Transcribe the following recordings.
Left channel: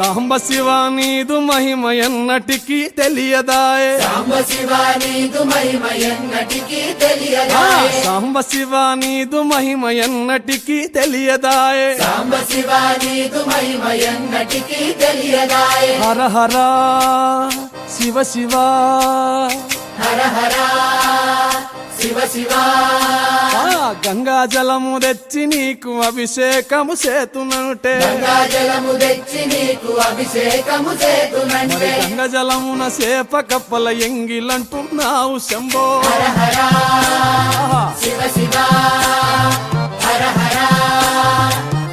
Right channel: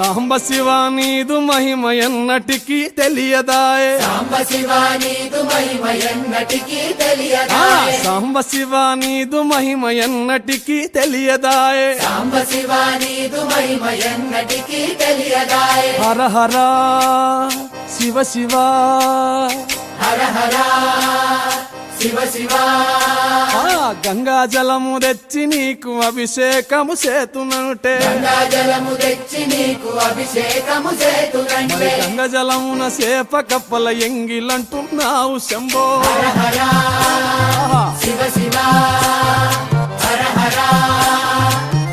సాంబ శివ నీదు మహిమ ఎన్నటికీ తెలియదాయే సాంబ శివ నీదు మహిమ ఎన్నటికీ తెలియదాయే సాంబ శివ నీదు మహిమ ఎన్నటికీ తెలియదాయే సాంబ శివ నీదు మహిమ ఎన్నటికీ తెలియదాయే హర హర శివ శివ హర హర శివ శివ గంగా జలము తెచ్చి నీకు అభిషేకము చేతునంటే గంగా జలము తెచ్చి నీకు అభిషేకము చేతునంటే మరి గంగా జలమున సేప కప్పల ఎంగిలంటున్నావు శంభో హర శివ శివ హర హర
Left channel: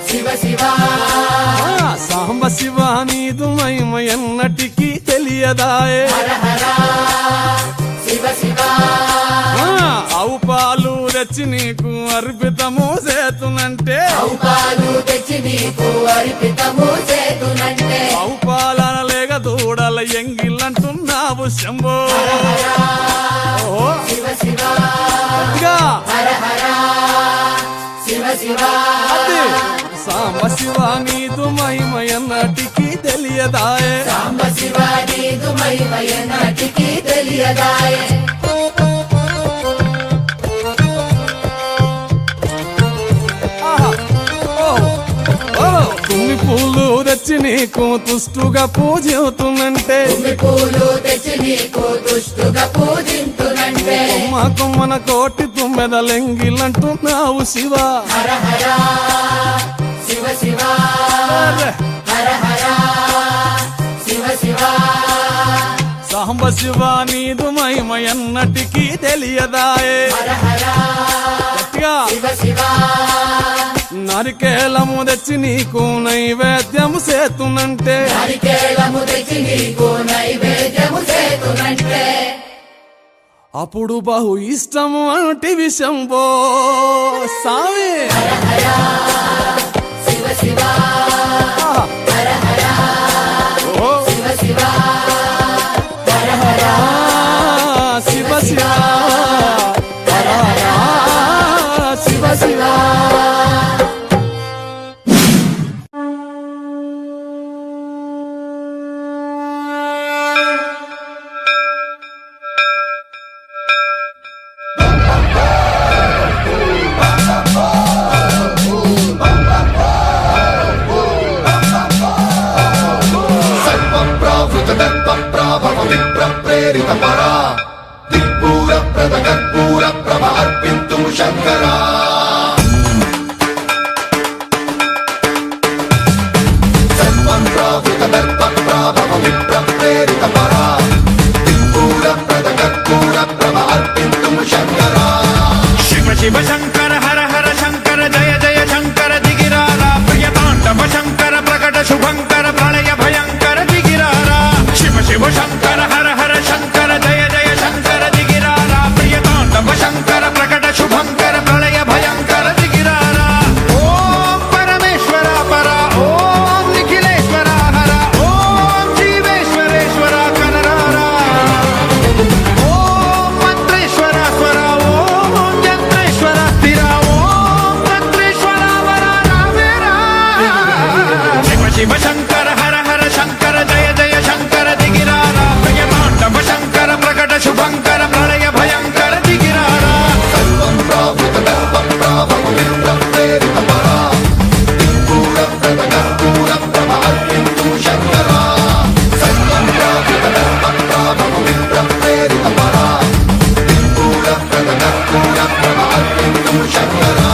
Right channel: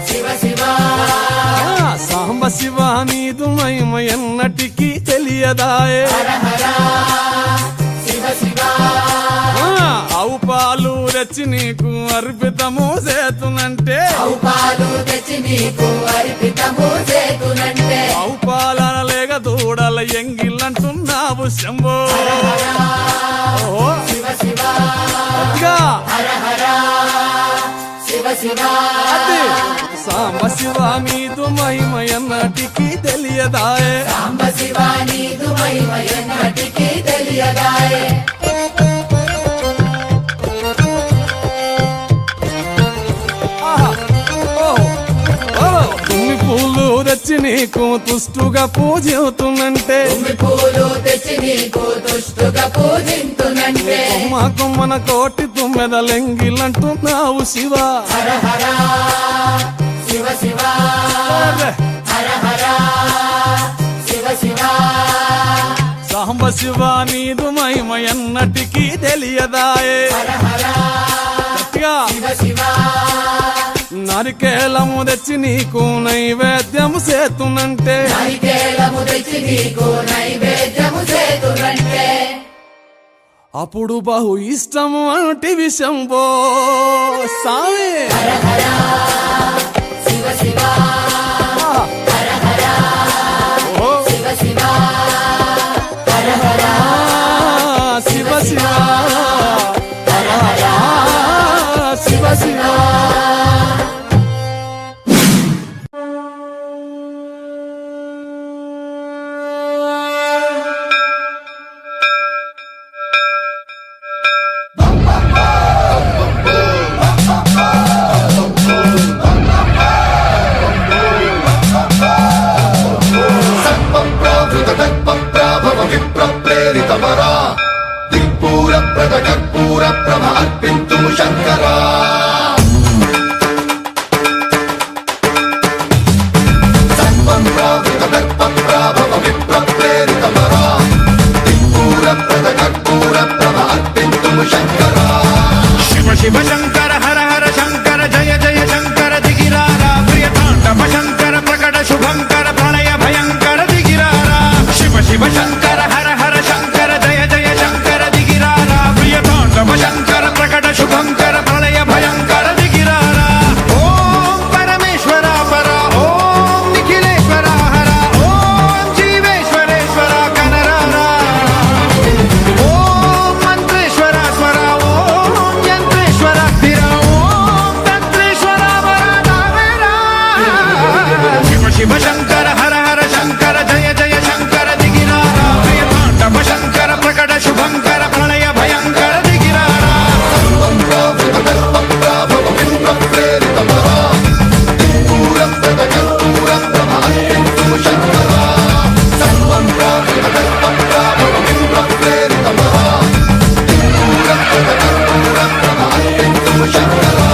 శివ శివ సాంబ శివ నీదు మహిమ ఎన్నటికీ తెలియదాయే హర హర శివ శివ ఆవు పాలు తెచ్చి నీకు అర్పితము చేతునంటే పాలు తెచ్చి నీకు అర్పితము చేతునంటే ఆవు పాలన లేక దూడల ఎంగిలంటున్నావు శంభో ఓహో శివ శివ గట్టిగా హర హర శివ శివ అది సాంబ శివ నీదు మహిమ ఎన్నటికీ తెలియదాయే సాంబ శివ నీదు మహిమ ఎన్నటికీ తెలియదాయే తుమ్మి పూలు తెచ్చి నీకు తుష్టుగా పూజవుతున్నంటే పూలు తెచ్చి నీకు దుష్టుగా పూజింతునంటే కొమ్మ కొమ్మన కోటి తుమ్మెదలెంగిలంటున్నావు శివ హర హర శివ శివ హర హర శివ శివ సాంబ శివ నీదు మహిమ ఎన్నటికీ తెలియదాయే హర హర గట్టిగా శివ శివ నరికేలము తెచ్చి నీకు నైవేద్యము చేతునంటే నారికేళము తెచ్చి నీకు నైవేద్యము చేతునంటే అప్పుడు బహు ఇష్టము అంటే విషంబో సామి హర హర శివ శివ హర హర ఓహో శివ శివ హర హర శివ శివ హర హర శివ శివ కర్పూర ప్రభ అర్పింతుము శంకరా సర్వం ప్రావృత దర్ప ప్రాభవ విప్ర ప్రేరిత పరా దిక్పూర ప్రద కర్పూర ప్రభ అర్పింతుము శంకరా శివ శివ శంకర హర హర శంకర జయ జయ శంకర దిగిరారా ప్రియ తాండవ శంకర ప్రకట శుభంకర ప్రళయ భయంకర దిగిరారా శివ శివ శంకర హర హర శంకర జయ జయ శంకర దిగిరారా ప్రియ తాండవ శంకర ప్రకట శుభంకర ప్రళయ భయంకర దిగిరారా ఓం పరమేశ్వర పర ఓం నిఖిలేశ్వర హర ఓం జీవేశ్వరేశ్వర కనరారా ఓం మంత్రేశ్వర స్వర ఓం యంత్రేశ్వర స్థిర ఓం తంత్రేశ్వర వర నావేరా శివ శివ శంకర హర హర శంకర జయ జయ శంకర దిగిరారా ప్రియ తాండవ శంకర ప్రకట శుభంకర ప్రళయ భయంకర దిగిరారా సర్వం ప్రావృత దర్ప ప్రాభవ విప్ర ప్రేరిత పరా దిక్పూర ప్రద కర్పూర ప్రభ అర్పింతుము శంకరా సర్వం ప్రావృత దర్ప ప్రాభవ విప్ర ప్రేరిత పరా దిక్పూర ప్రద కర్పూర ప్రభ అర్పింతుము శంకరా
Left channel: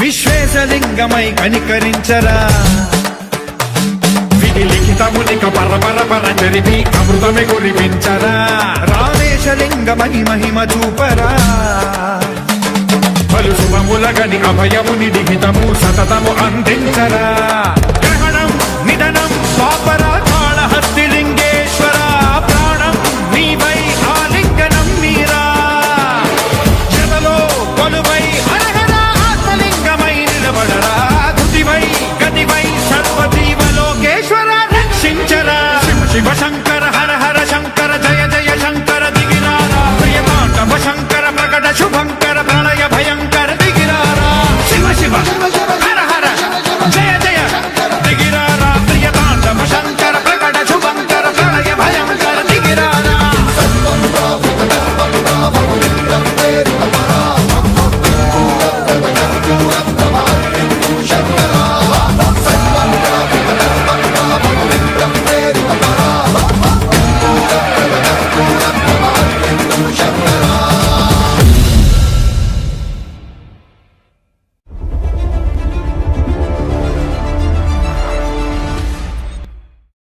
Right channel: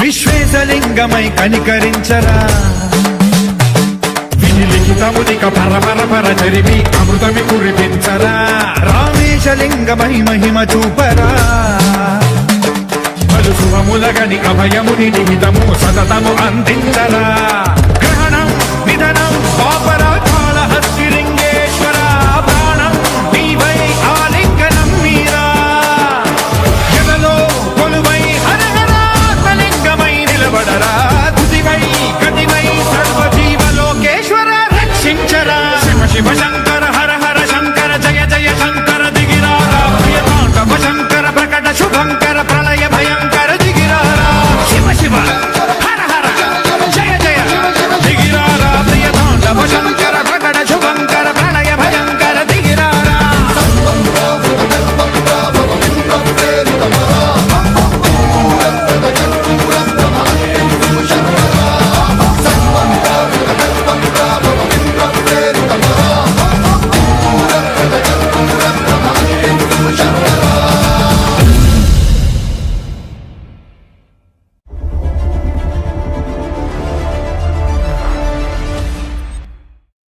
విశ్వేశలింగమై కనికరించరా విధి లిఖితమునిక పరపర పర చరిమి అమృతమి కురిపించరా రామేశలింగమై మహిమ చూపరా పలు శుభములగని అభయముని నిహితము సతతము అందించరా